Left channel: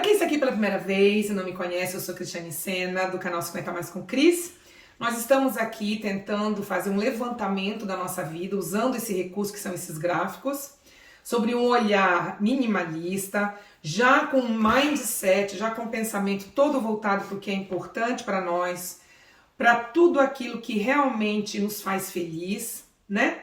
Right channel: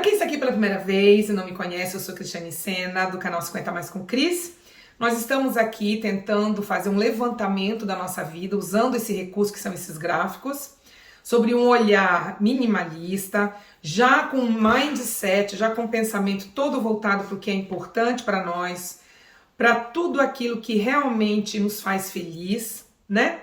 Para quem está aqui pela primeira vez e não me conhece, eu sou Cristiane Sena, do canal 50 Mais com Cris. Nós estamos aqui tentando fazer um levantamento da nossa vida, usando esse recurso que são esses gráficos, sobre um olhar minimalista, já com um mindset, já com um pensamento todo voltado para o que é importante para nós, para tudo aquilo que realmente nos faz feliz, né?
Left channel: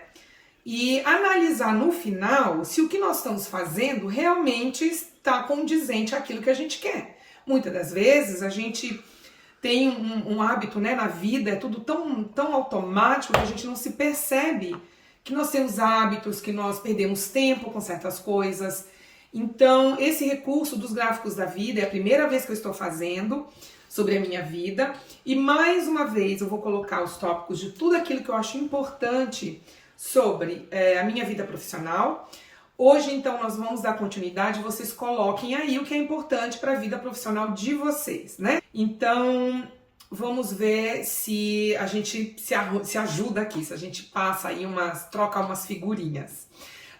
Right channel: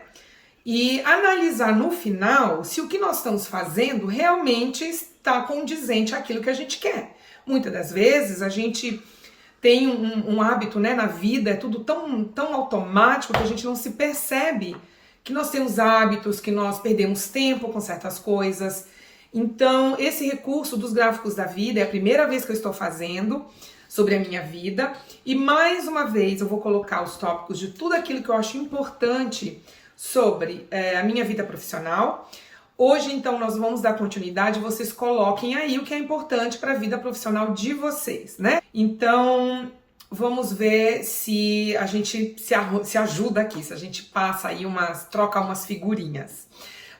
E analisar no final se o que nós estamos fazendo realmente está condizente àquilo que a gente quer. Muitas das vezes a gente tem um hábito, né, na vida, é tudo tão automático que a gente não se percebe que nós temos hábitos, que nós perdemos tempo com certas coisas. Então, esse recurso dos gráficos da vida é a primeira vez que eu estou fazendo sobre a minha vida. E mais uma vez eu vou colocar os tópicos de tudo aquilo que eu acho importante sobre a minha vida profissional. Hoje, então, nós vamos dar continuidade, vocês coloquem aí o que é importante para a vida profissional de vocês, né? Então, vamos ver se a gente se ajuda aqui, se a gente passa aí troca umas figurinhas.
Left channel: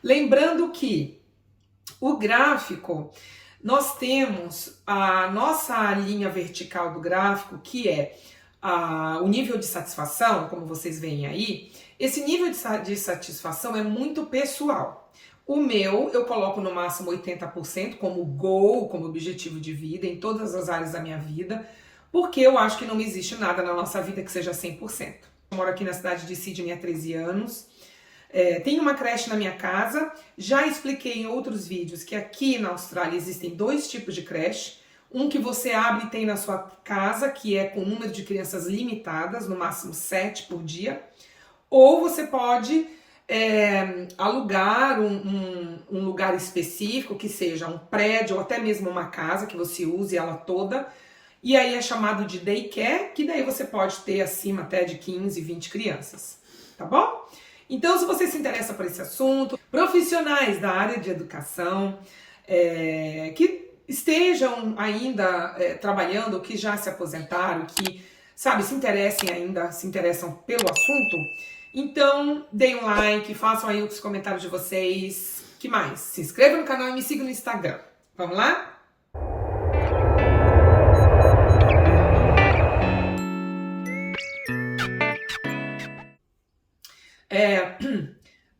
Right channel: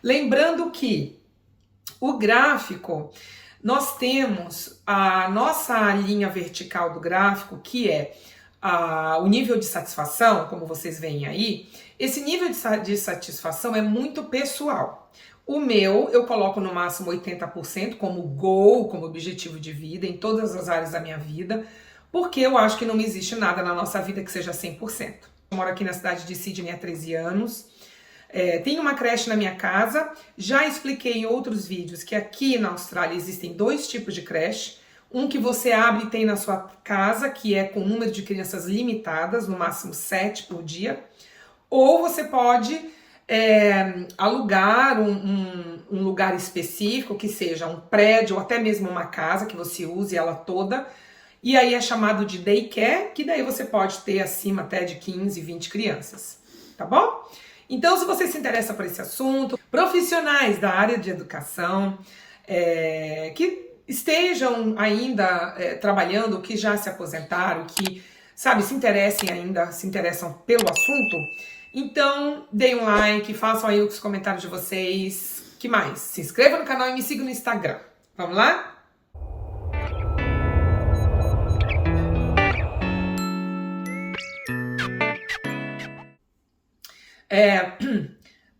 Lembrando que o gráfico, nós temos a nossa linha vertical do gráfico, que é o nível de satisfação, como vocês veem aí. Esse nível de satisfação é muito pessoal. O meu, eu coloco no máximo 80% como goal, como objetivo de vida, em todas as áreas da minha vida, porque eu acho que não existe nada na nossa vida que seja 100%. Eu moro aqui na cidade de Sydney há 13 anos, tenho uma creche na minha casa, já expliquei em outros vídeos que aqui na Austrália existem dois tipos de creche, um que você abre e tem na sua casa, que é com número de crianças limitadas, no máximo 7 por dia, ou você pode alugar um lugar específico, que seja um prédio ou até mesmo uma casa que você use ela toda, e aí é chamado de daycare, que daí você pode ter acima até de 15, 20 crianças, tá bom? Então, se você se interessa por esse assunto, profissionais da área de educação, que estejam ainda trabalhando, que já se aposentaram, que, sabe, se interessam pelo assunto, então, deem um like, façam aí os comentários de vocês. Que mais? Se inscreva no canal e me siga no Instagram. Vamos lá?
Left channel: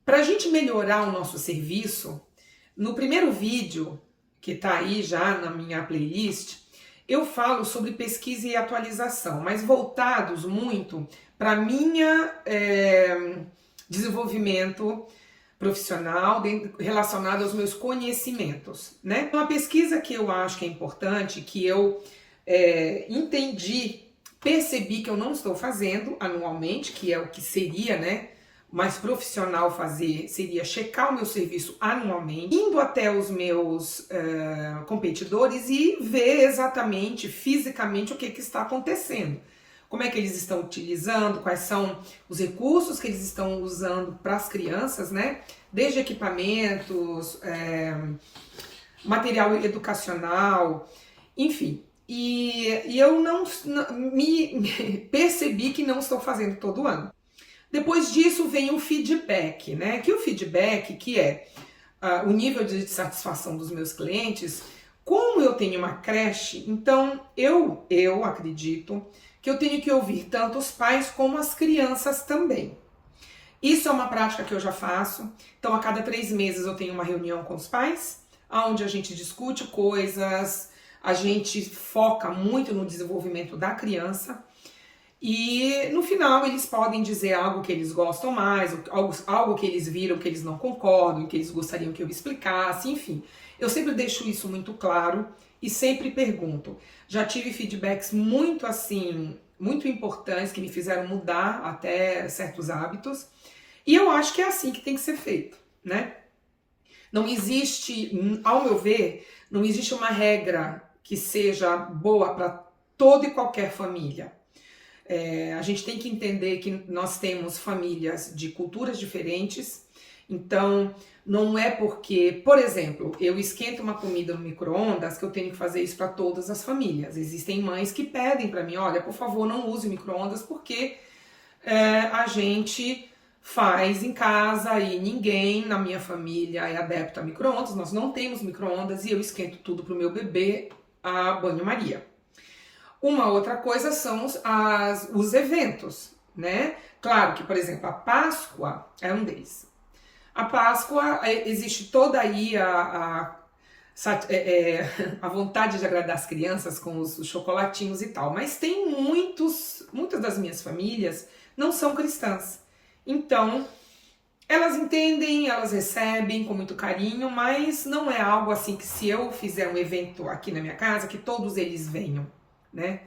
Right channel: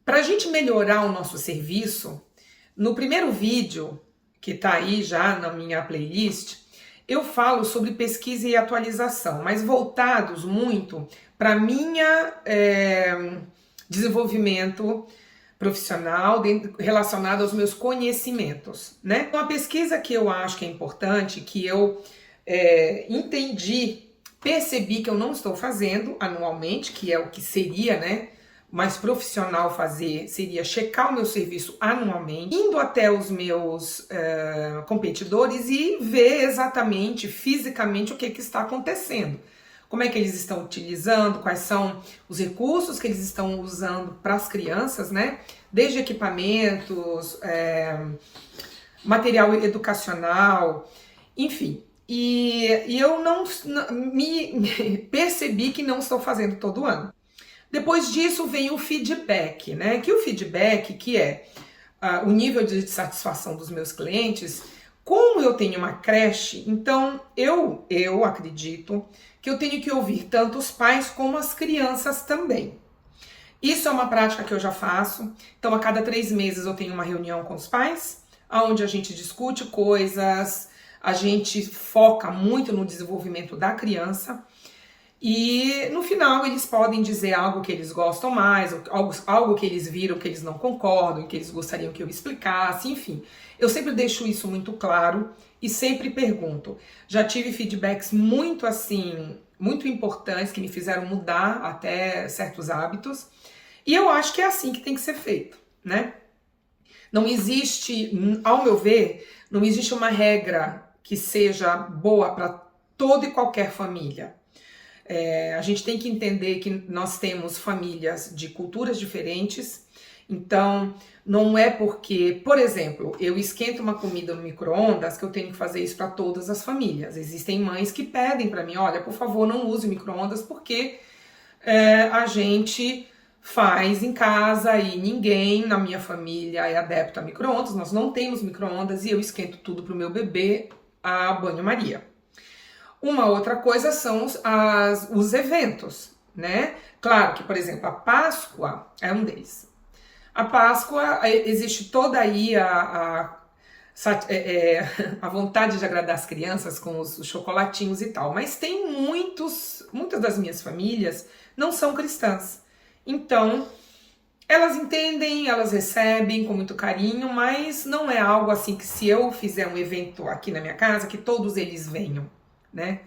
Para a gente melhorar o nosso serviço, no primeiro vídeo, que está aí já na minha playlist, eu falo sobre pesquisa e atualização, mas voltados muito para minha desenvolvimento profissional relacionado aos meus conhecimentos, né? Uma pesquisa que eu acho que é importante, que eu percebi que eu não estou fazendo anualmente, que é o que seria, né, mais profissional fazer, seria checar o meu serviço anualmente, indo até os meus competidores e ver exatamente, fisicamente, o que está acontecendo. Como é que eles estão utilizando, quais são os recursos que eles estão usando para as crianças, né? Desde equipamentos, material educacional, enfim. E eu me percebi que não estou fazendo todo ano. Depois disso vem o feedback, né? Que o feedback, que é o nível de satisfação dos meus clientes. Como eu tenho uma creche, então eu acredito que eu tenho que ouvir tanto os pais como as crianças também. Isso é uma prática que eu já faço. Então, a cada 3 meses eu tenho uma reunião com os pais, onde a gente discute coisas, a gente foca muito no desenvolvimento da criança. E no final eles podem dizer algo que eles gostam mais, algo que eles viram que eles não concordam, que eles gostariam que eu explicasse, enfim. Eu sempre deixo isso muito claro e sempre pergunto. Já tive feedbacks muito importantes que me fizeram mudar até certos hábitos. E eu acho que é assim que tem que ser feito, né? Não existe, ao meu ver, não existe uma regra que seja boa para toda e qualquer família. A gente tem que entender que nós temos famílias de culturas diferentes, então não é porque, por exemplo, eu esquento uma comida no micro-ondas que eu tenho que fazer isso para todas as famílias. Existem mães que pedem para mim, olha, por favor, não use micro-ondas porque a gente faz em casa e ninguém na minha família é adepto a micro-ondas, nós não temos micro-ondas e eu esquento tudo para o meu bebê a banho-maria. Uma outra coisa são os eventos, né? Claro que, por exemplo, a Páscoa é um deles. A Páscoa, existe toda aí a vontade de agradar as crianças com os chocolatinhos e tal, mas tem muitas das minhas famílias não são cristãs. Então, elas entendem, elas recebem com muito carinho, mas não é algo assim que se eu fizer um evento aqui na minha casa, que todos eles venham, né?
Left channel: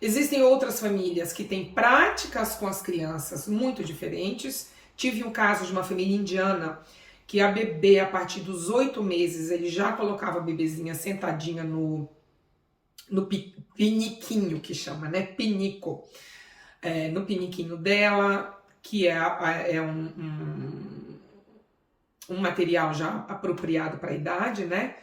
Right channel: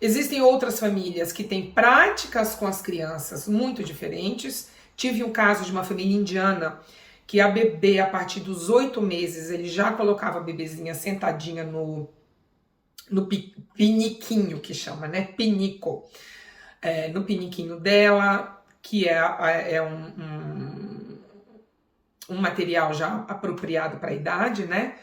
Existem outras famílias que têm práticas com as crianças muito diferentes. Tive um caso de uma família indiana que a bebê, a partir dos 8 meses, ele já colocava a bebezinha sentadinha no piniquinho, que chama, né? Pinico. No piniquinho dela, que é um material já apropriado para a idade, né?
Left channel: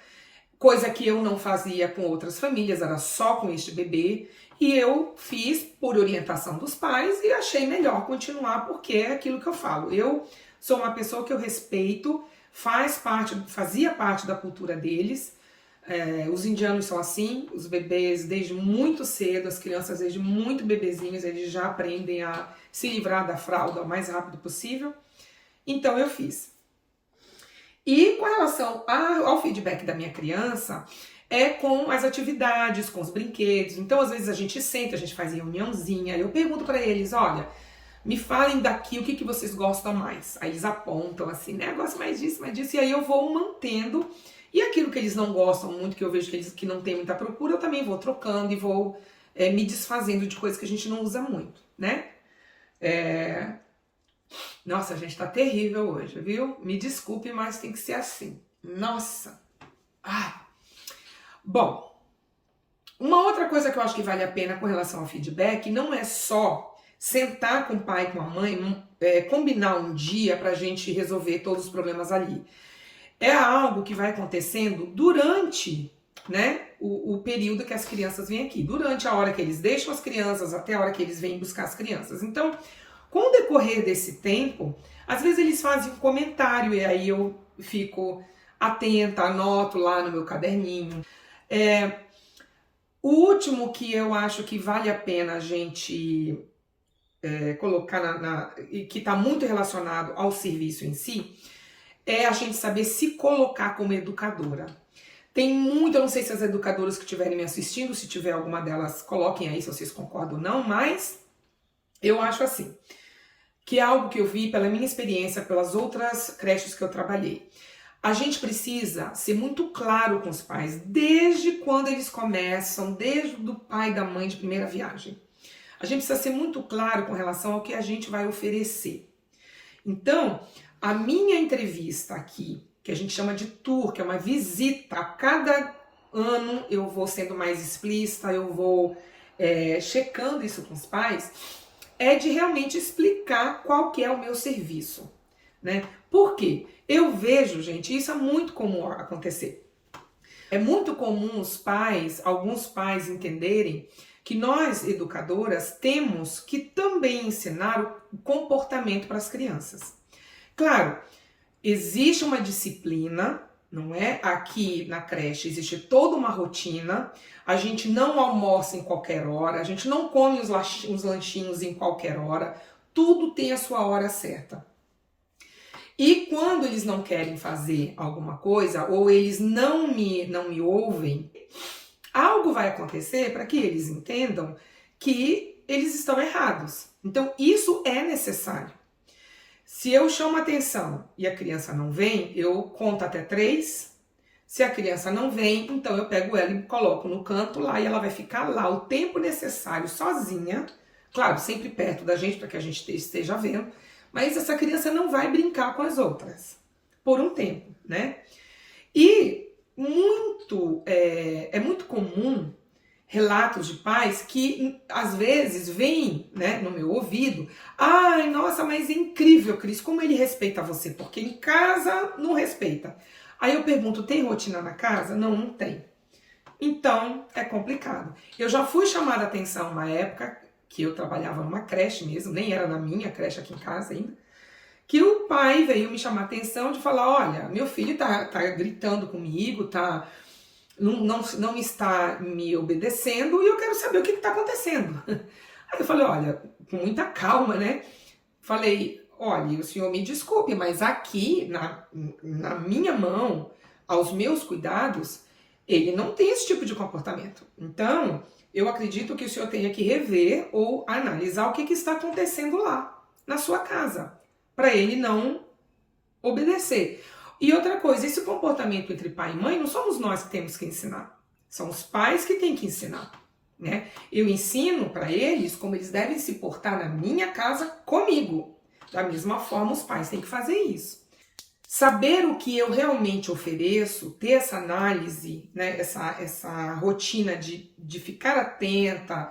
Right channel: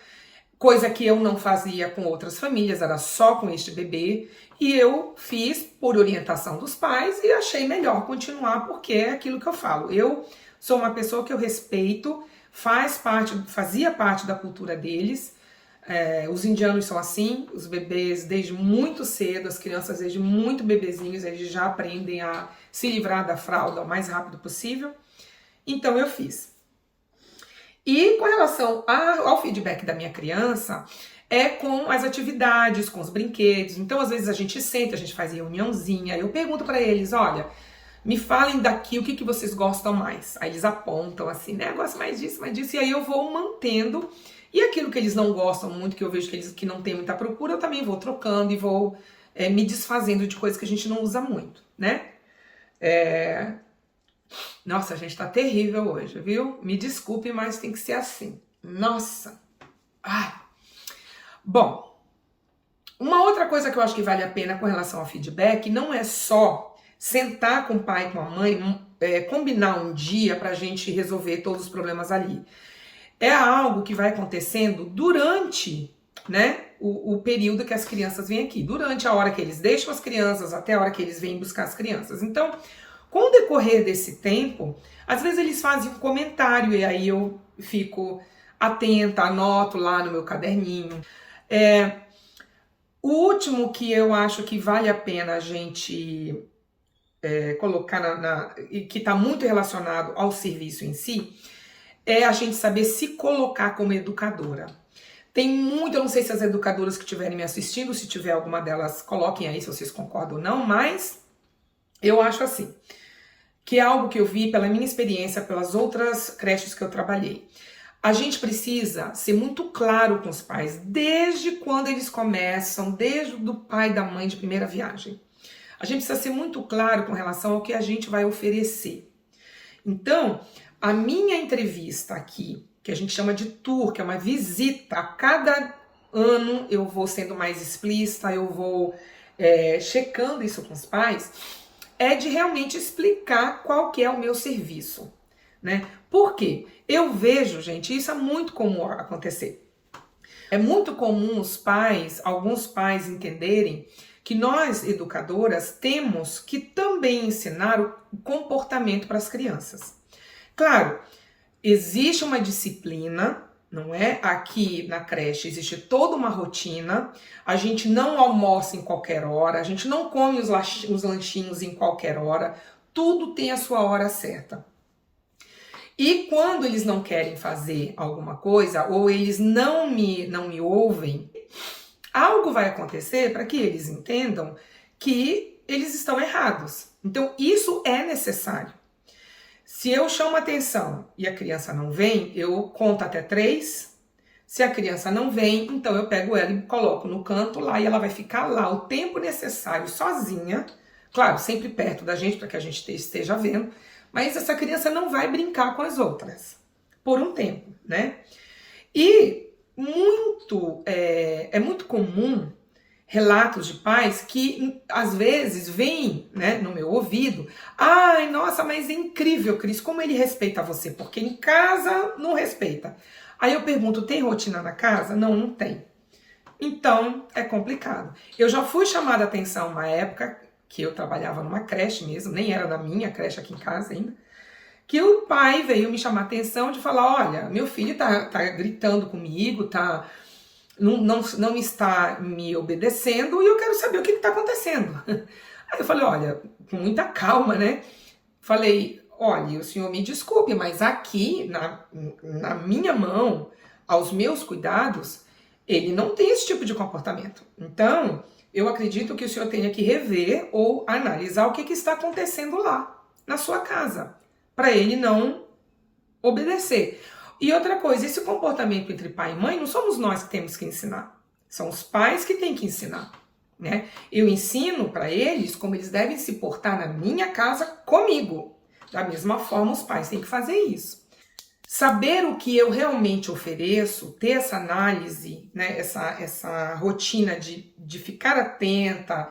Coisa que eu não fazia com outras famílias, era só com este bebê. E eu fiz por orientação dos pais e achei melhor continuar, porque é aquilo que eu falo. Eu sou uma pessoa que eu respeito, fazia parte da cultura deles. Os indianos são assim, os bebês desde muito cedo, as crianças desde muito bebezinhos, eles já aprendem a se livrar da fralda o mais rápido possível. Então eu fiz. E com relação ao feedback da minha criança, é com as atividades, com os brinquedos. Então, às vezes, a gente senta, a gente faz reuniãozinha, eu pergunto para eles, olha, me falem daqui o que vocês gostam mais. Aí eles apontam assim, né, gosto mais disso, e aí eu vou mantendo. E aquilo que eles não gostam muito, que eu vejo que não tem muita procura, eu também vou trocando e vou me desfazendo de coisas que a gente não usa muito, né? Nossa, a gente tá terrível hoje, viu? Me desculpe, mas tem que ser assim. Nossa! Ai! Bom, uma outra coisa que eu acho que vale a pena com relação ao feedback não é só sentar com o pai e com a mãe, combinar um dia pra gente resolver todos os problemas ali. É algo que vai acontecendo durante, né, o período que as crianças vêm aqui. Durante a hora que eles deixam as crianças até a hora que eles vêm buscar as crianças. Então, com o decorrer desse tempo, às vezes eles fazem um comentário e aí eu fico atenta, anoto lá no meu caderninho. O último que eu acho que vale a pena a gente colocar e que está muito relacionado ao serviço em si, é a gente saber se colocar como educadora. Eu não sei se as educadoras que estiverem me assistindo, se tiver alguma delas, coloquem aí se vocês concordam ou não, mas eu acho assim, que é algo que eu vi pela minha experiência, pelas outras creches que eu trabalhei. A gente precisa ser muito claro com os pais, desde quando eles começam, desde o pai e da mãe de primeira viagem. A gente precisa ser muito claro com relação ao que a gente vai oferecer. Então, a minha entrevista aqui, que a gente chama de tour, que é uma visita, a cada ano eu vou sendo mais explícita, eu vou checando isso com os pais, é de realmente explicar qual que é o meu serviço, né? Por quê? Eu vejo, gente, isso é muito comum acontecer. É muito comum alguns pais entenderem que nós, educadoras, temos que também ensinar o comportamento para as crianças. Claro, existe uma disciplina, não é? Aqui na creche existe toda uma rotina, a gente não almoça em qualquer hora, a gente não come os lanchinhos em qualquer hora, tudo tem a sua hora certa. E quando eles não querem fazer alguma coisa, ou eles não me ouvem, algo vai acontecer para que eles entendam que eles estão errados. Então, isso é necessário. Se eu chamo atenção e a criança não vem, eu conto até 3. Se a criança não vem, então eu pego ela e coloco no canto lá e ela vai ficar lá o tempo necessário sozinha. Claro, sempre perto da gente para que a gente esteja vendo. Mas essa criança não vai brincar com as outras por um tempo, né? E é muito comum relatos de pais que às vezes vêm, né, no meu ouvido, ai, nossa, mas é incrível, Cris, como ele respeita você, porque em casa não respeita. Aí eu pergunto, tem rotina na casa? Não, não tem. Então, é complicado. Eu já fui chamada a atenção uma época que eu trabalhava numa creche mesmo, nem era na minha creche aqui em casa ainda, que o pai veio me chamar a atenção de falar, olha, meu filho tá gritando comigo, tá não está me obedecendo e eu quero saber o que está acontecendo. Aí eu falei, olha, com muita calma, né? Falei, olha, o senhor me desculpe, mas aqui, na minha mão, aos meus cuidados, ele não tem esse tipo de comportamento. Então, eu acredito que o senhor tenha que rever ou analisar o que está acontecendo lá, na sua casa, para ele não obedecer. E outra coisa, esse comportamento entre pai e mãe, não somos nós que temos que ensinar. São os pais que têm que ensinar, né? Eu ensino para eles como eles devem se portar na minha casa comigo. Da mesma forma, os pais têm que fazer isso. Saber o que eu realmente ofereço, ter essa análise, né? Essa rotina de ficar atenta,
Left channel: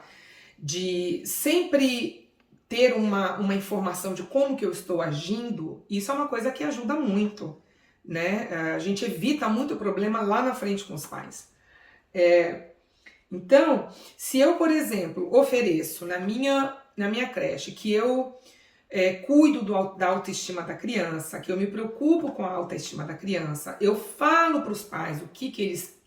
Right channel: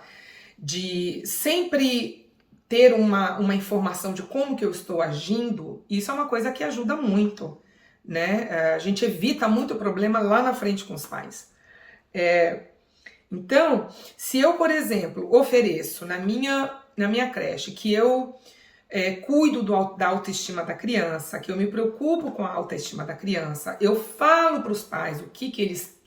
de sempre ter uma informação de como que eu estou agindo, isso é uma coisa que ajuda muito, né? A gente evita muito problema lá na frente com os pais. Então, se eu, por exemplo, ofereço na minha creche que eu cuido da autoestima da criança, que eu me preocupo com a autoestima da criança, eu falo para os pais o que eles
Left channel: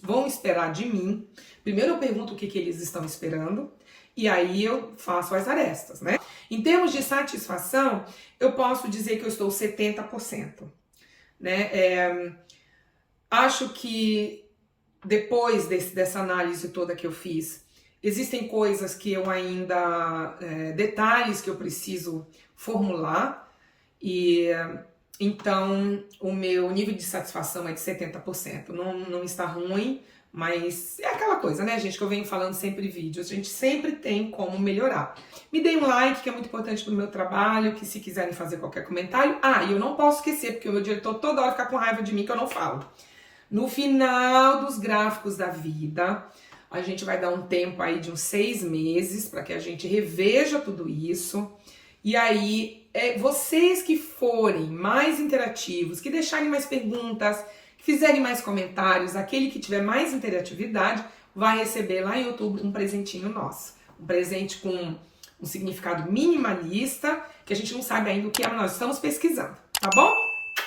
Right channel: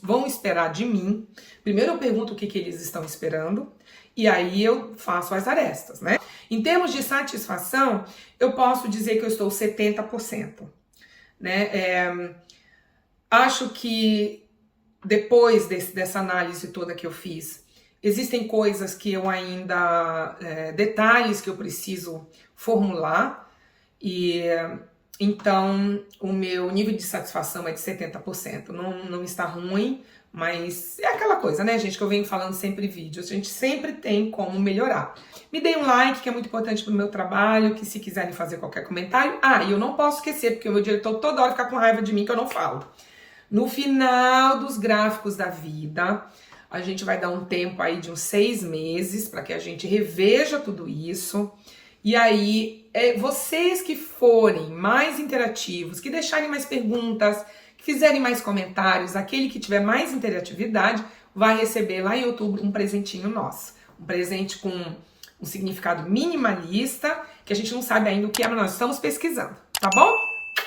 vão esperar de mim. Primeiro eu pergunto o que eles estão esperando, e aí eu faço as arestas, né? Em termos de satisfação, eu posso dizer que eu estou 70%, né? Acho que depois dessa análise toda que eu fiz, existem coisas que eu ainda, detalhes que eu preciso formular, e então o meu nível de satisfação é de 70%. Não está ruim, mas é aquela coisa, né, gente, que eu venho falando sempre em vídeos, a gente sempre tem como melhorar. Me deem um like, que é muito importante pro meu trabalho, que se quiserem fazer qualquer comentário. E eu não posso esquecer, porque o meu diretor toda hora fica com raiva de mim que eu não falo. No final dos gráficos da vida, a gente vai dar um tempo aí de uns 6 meses para que a gente reveja tudo isso. E aí, vocês que forem mais interativos, que deixarem mais perguntas, que fizerem mais comentários, aquele que tiver mais interatividade, vai receber lá em outubro um presentinho nosso. Um presente com um significado minimalista, que a gente não sabe ainda o que é, mas nós estamos pesquisando, tá bom?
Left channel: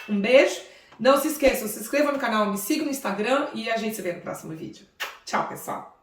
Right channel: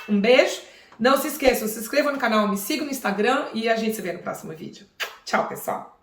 Um beijo. Não se esqueçam, se inscreva no canal, me siga no Instagram e a gente se vê no próximo vídeo. Tchau, pessoal!